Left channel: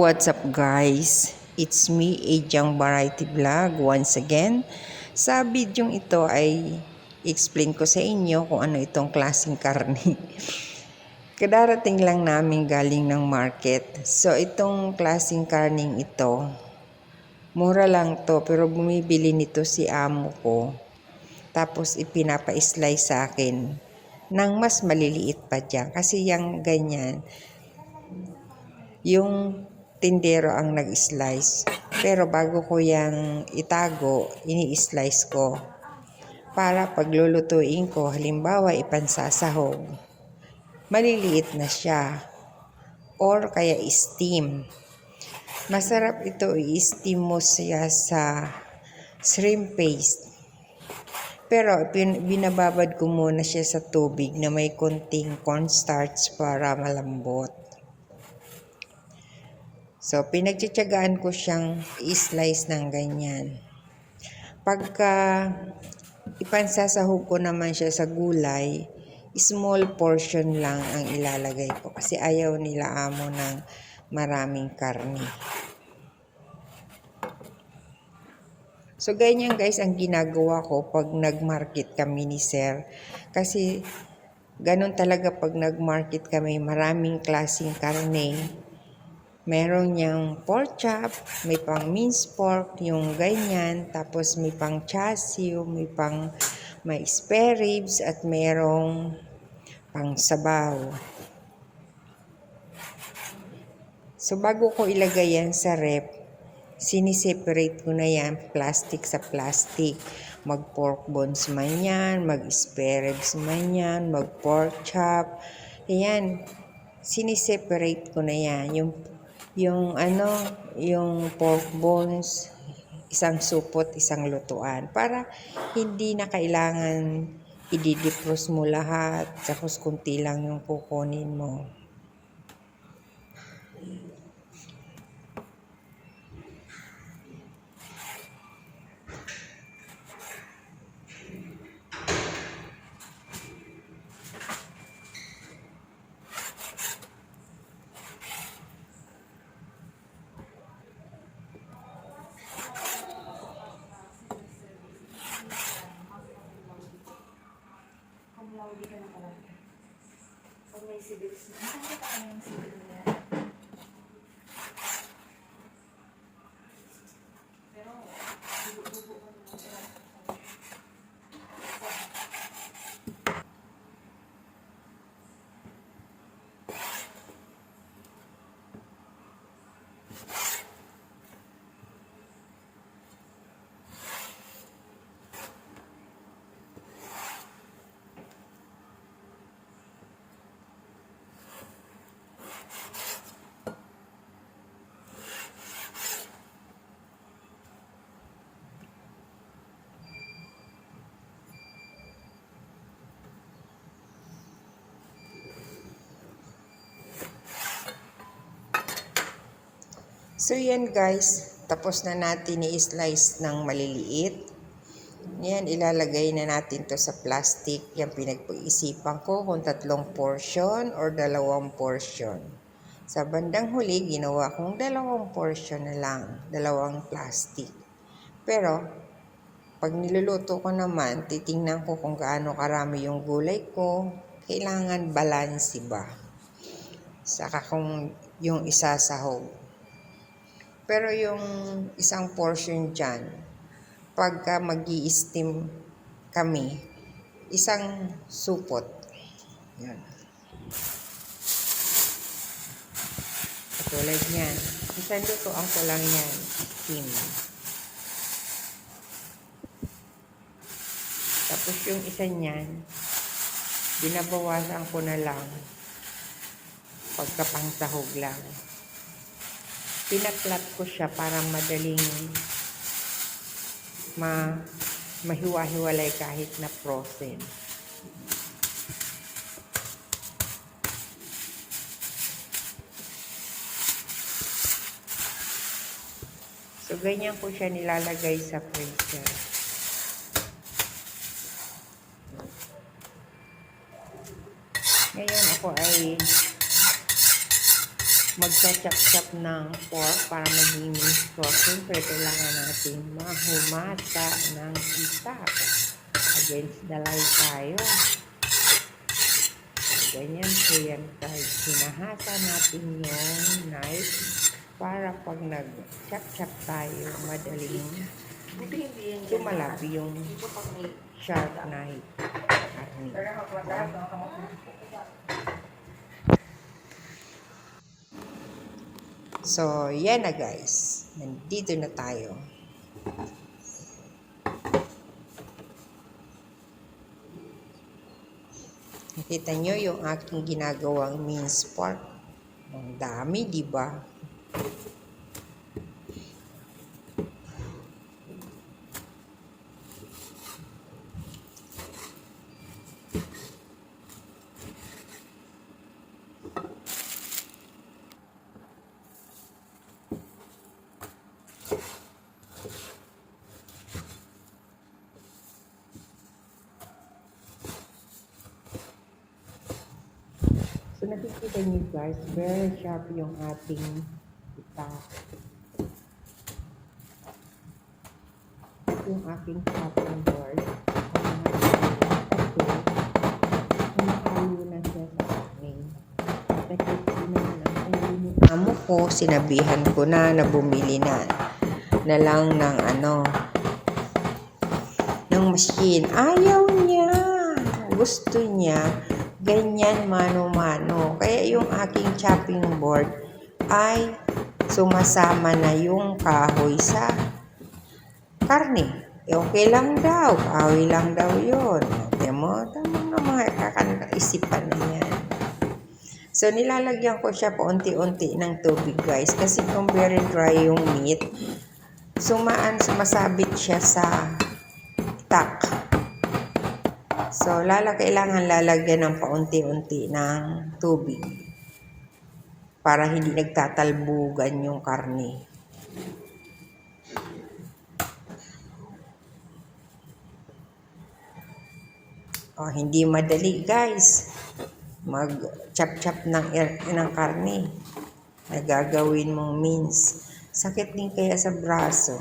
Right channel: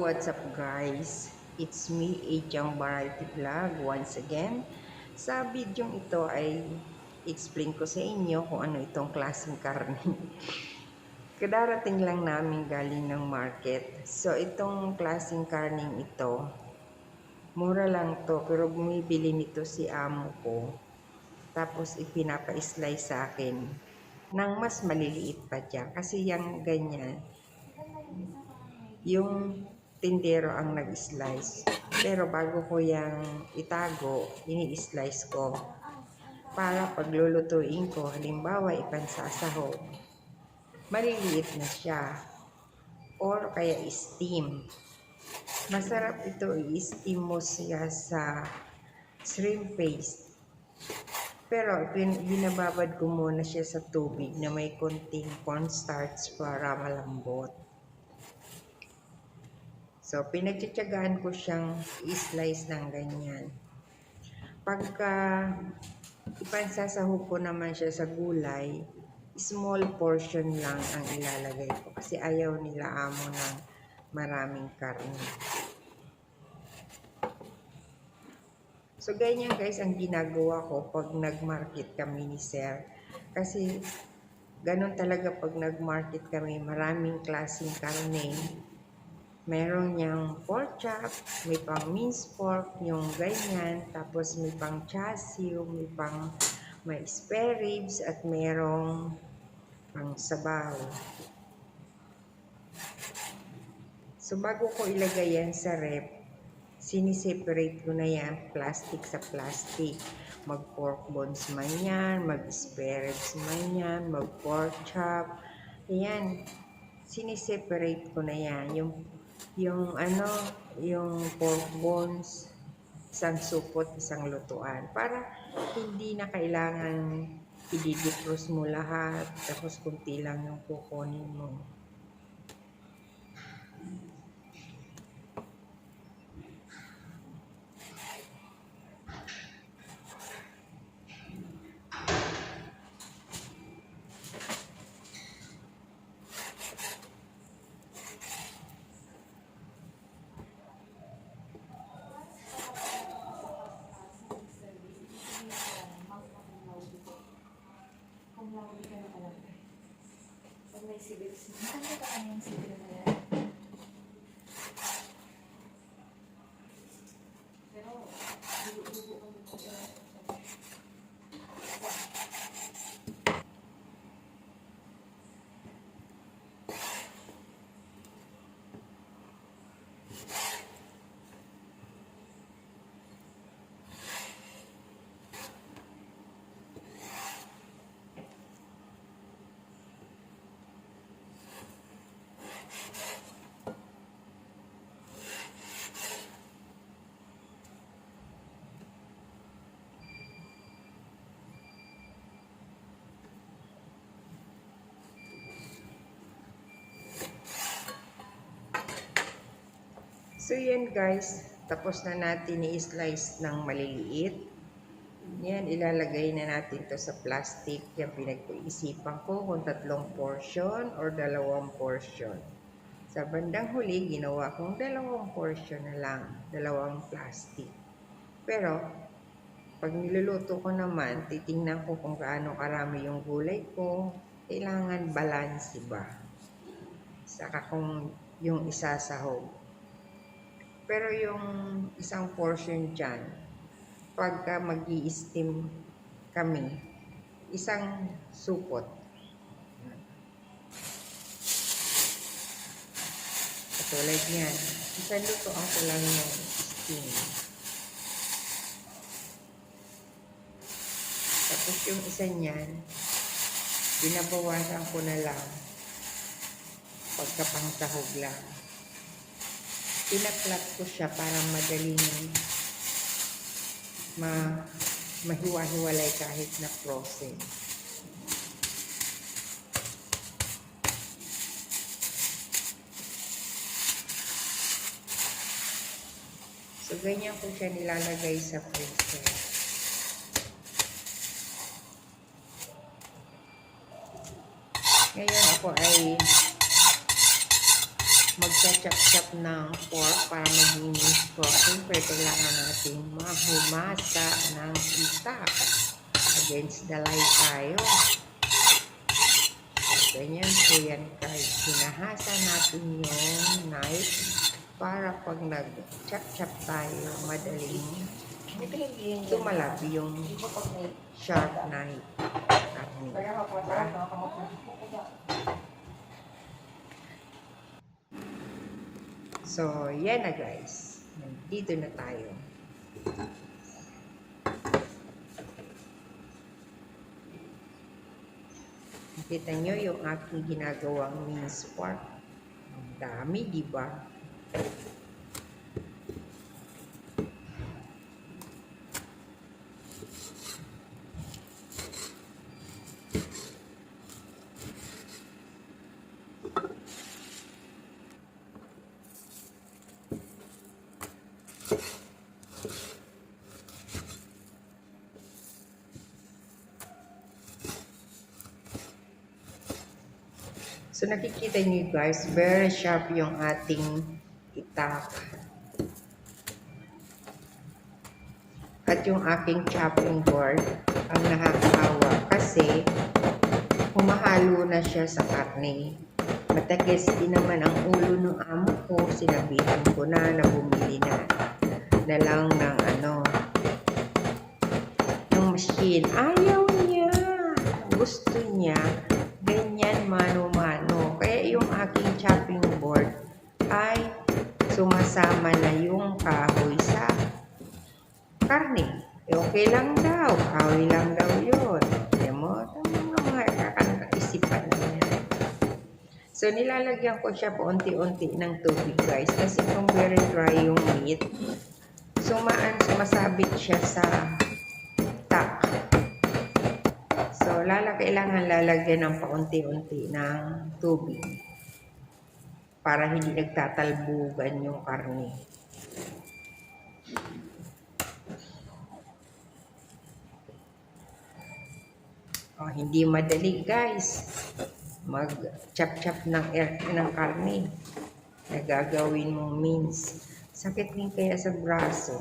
What's up guys? It's me, Ejang Variety Vlog once again. Sa bidyong ito ay explain ko sa inyo kung ano itong klaseng karne. Kadarating lang namin galing ng market. So itong klaseng karning ito, mura lang to pero bumibili nito si amo ko. Tapos ipinapa-slice sa akin ng mas maliliit pa dyan. Kasi yung ganyan, yung tindero ang nag-slice. Pero bago ko yang itago, ini-slice ko para paglulutuin ko, halimbawa ipansasahog, maliliit na siya or kaya steam. Masarap ito i-steam mo siya sa shrimp paste. Pero binababad ko muna siya sa tubig na may konting cornstarch para malambot. So, pinagtsatsagaan ko siyang i-slice ng ganyan. Pagka ipansasahog ko naman siya sa gulay, small portion lang ang ilalagay ko kasi ayaw nila amo ng maraming karne. So, ganyan guys ang ginagawa ko pag nag-market kami ni Sir. Kasi, ganun talaga pag nag-market kami, maraming klaseng karne. Meron niyang pork chop, may pang minced pork, yung ganyan. Tapos may pang chassis, may spare ribs, at merong pang sabaw. So bago ko ilagay yan sa rep, siniseparate ko na yan plastic sa plastic. Mag pork bones man yan, mag spare ribs man yan, mag pork chop. Ayan, siniseparate ko na yan. Yung pork bones, isang supot, isang lutuan. Para hindi na kailangan i-defrost mo lahat, tapos kunti lang yung kukunin mo. Pag may civics na, ano pa yung civics na yan? Pero, bubo ko nito sila. So yan guys, tapos na natin i-slice ng maliliit. Yan, ilalagay na natin to sa plastic. Yan, pinag-isipan ko kung 3 portion or 2 portion. Sa bandang huli, ginawa kong 2 portion na lang, 2 plastic. Pero, pag niluluto ko naman, titingnan ko kung gaano karami yung gulay ko. Kailangan balance ba? Saka kung yung isasahog. Pero yung isang portion dyan, pagka mag-i-steam kami, isang supot. Yan. Katulad niyan. Isang lutoan ko lang yan, steam. Tapos yung isa niyan, binabawasan ko na lang pagkapangsahog lang. Pinaplat ko siya para madaling mahiwa-hiwalay kahit na frozen. So, ganyan ko siya nilalagay sa freezer. Ngayon ako ay magsa-chop-chop ng pork para maging minced pork. Siyempre, kailangan natin mahumasa ng itak. Against the light tayo. Ganyan po yan guys. Hinahasa natin yung knife para pag nag-chop-chop tayo, madaling tumalab yung sharp knife. Diba? So, yan na guys. Nandito na tayo. Nakita nyo yung aking ginagawang minced pork. Ang dami, di ba? So nakikita niyo guys, very sharp yung ating itak. At yung aking chopping board ang nakakawa kasi humahalo na siya sa karne. Matakis din naman ang ulo ng amo ko. Sinabihan ko na bumili na lang ng ng machine. Ayaw niya. Gusto niya ganyan mano-mano. Kaya yung aking chopping board ay sumasama na yung kahoy sa karne. Okay lang daw. Kahoy lang daw yun. Alam mo, tamang mga kakanaisipan na yan. So, nilalagyan ko siya po unti-unti ng tubig guys. Kasi kung very dry yung meat, sumasabit siya sa tak. So, kailangan lalagyan ng paunti-unti ng tubig para hindi nagtatalbugan yung karne. Hindi madali guys mag-chop-chop ng karne na gagawin mong mince. Sakit din kaya sa braso.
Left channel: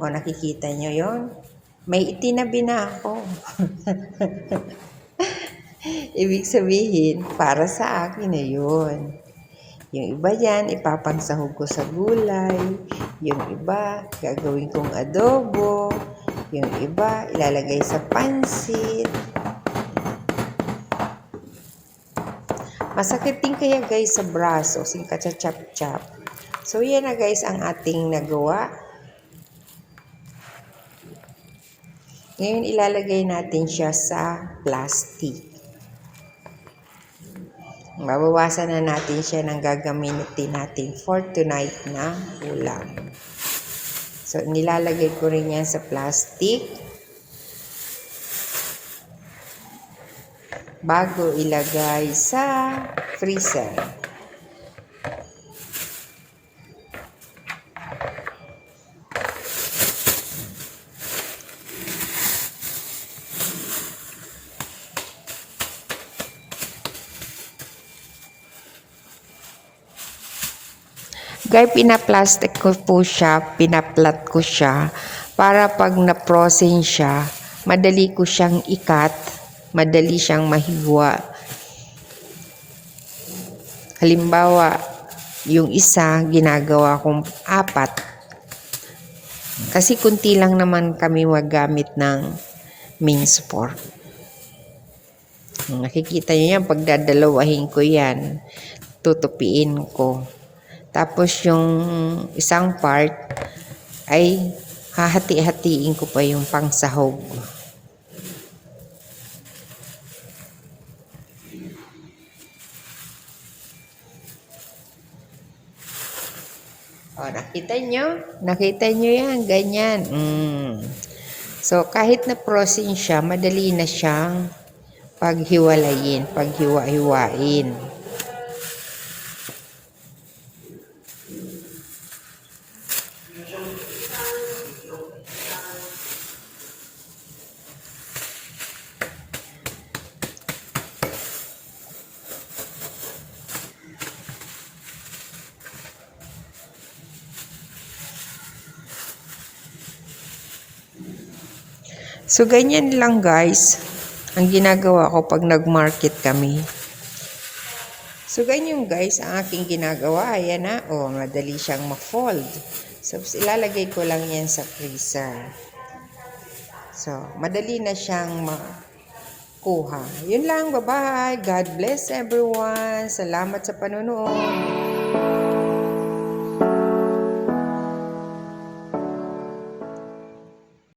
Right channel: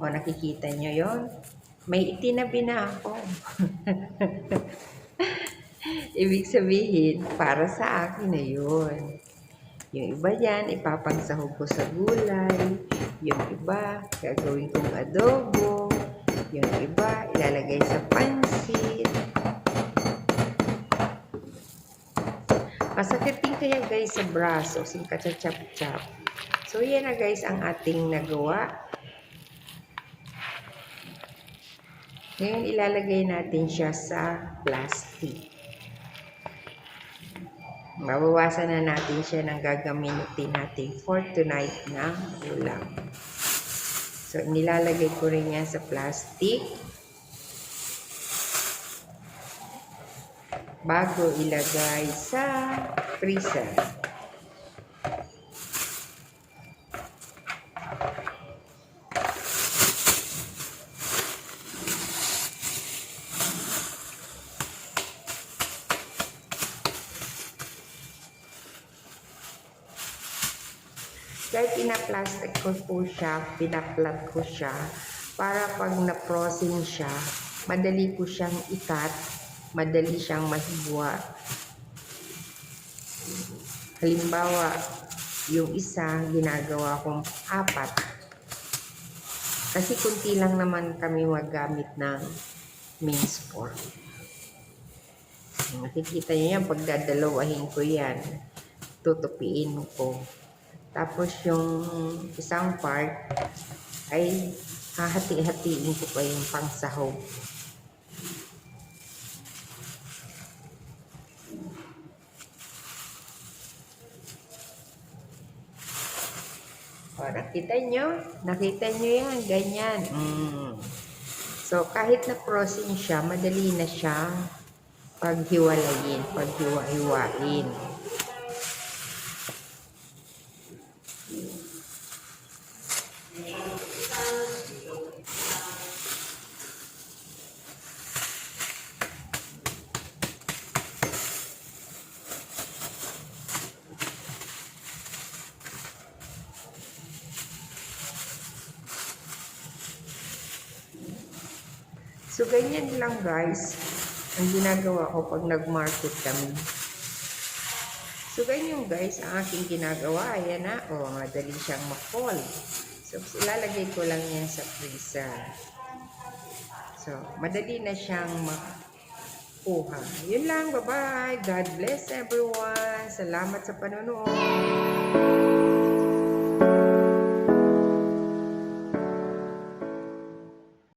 Nakikita nyo yon? May itinabi na ako. Ibig sabihin, para sa akin na yun. Yung iba yan, ipapangsahog ko sa gulay. Yung iba, gagawin kong adobo. Yung iba, ilalagay sa pansit. Masakit din kaya guys sa braso, chop-chop. So yan na guys ang ating nagawa. Ngayon ilalagay natin siya sa plastic. Mabawasan na natin siya ng gagamitin natin for tonight na ulam. So nilalagay ko rin yan sa plastic bago ilagay sa freezer. Guys, pinaplastic ko po siya, pinaplat ko siya para pag na-frozen siya, madali ko siyang ikat, madali siyang mahiwa. Halimbawa, yung isa ginagawa kong 4. Kasi kunti lang naman kami magamit ng minced pork. Nakikita niyo yan, pagdadalawahin ko yan, tutupiin ko. Tapos yung isang part ay hahati-hatiin ko pa yung pangsahog. Nakita nyo? Nakita nyo yan, ganyan. So kahit na frozen siya, madali na siyang paghiwalayin, paghiwa-hiwain. So, ganyan lang guys ang ginagawa ko pag nag-market kami. So, ganyan guys ang aking ginagawa. Ayan na. Oh, madali siyang ma-fold. So, ilalagay ko lang yan sa freezer. So, madali na siyang makuha. Yun lang. Bye-bye. God bless everyone. Salamat sa panonood.